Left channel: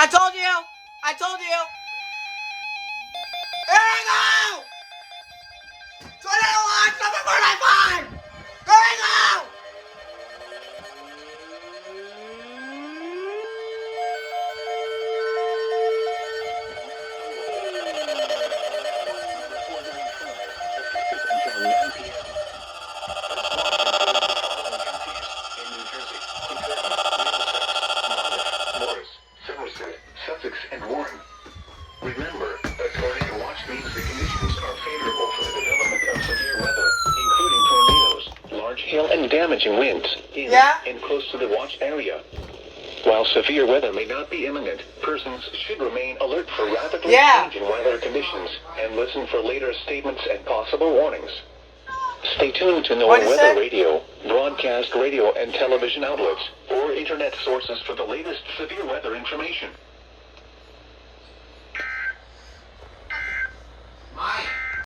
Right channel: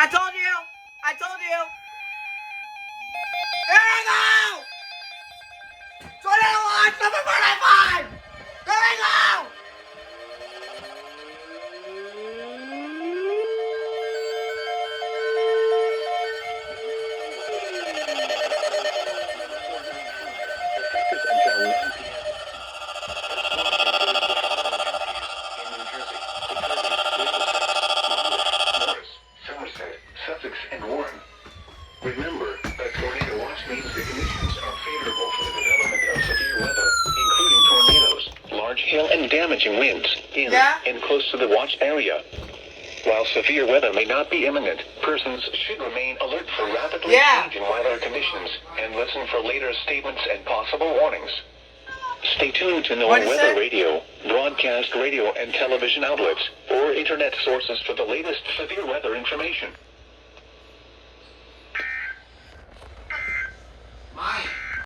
I told you. I told you. Here we go. 21, number 45. Here we go. Sussex and Warren. Remember that tornado watch means the conditions are favorable for the development of severe weather, including tornadoes, large hail and damaging winds in and close to the watch area. While severe weather may not be imminent, persons should remain alert for rapidly changing weather conditions and listen for later statements and possible warnings. Stay tuned to NOAA Weather Radio, broadcast radio and television outlets, or internet sources for the latest severe weather information.